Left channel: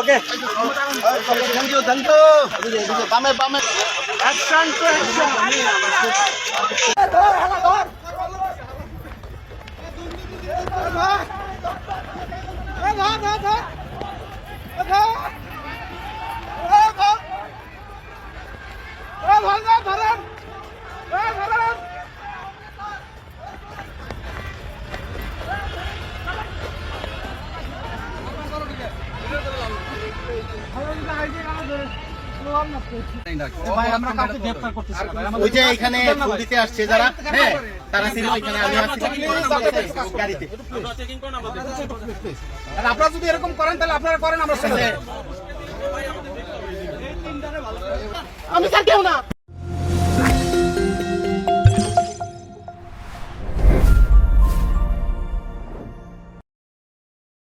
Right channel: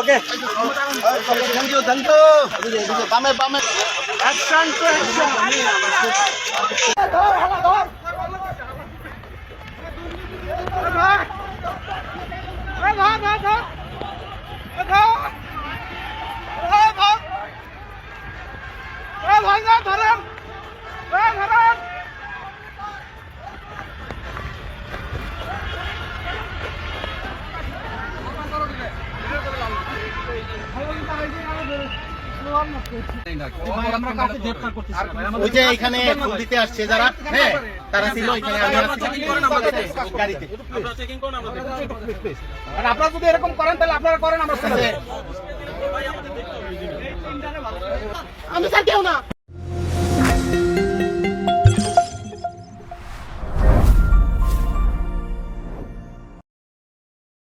Okay thank you বামে বামে action to action ওই যে এখানে দিতে আসছে যারা, হ্যাঁ তারা ছিল এখানে, গাড়িতে। আপনারা যদি এরকম করেন তাহলে আপনারা করেন আমার সাথে। আমি স্যার কেউ না।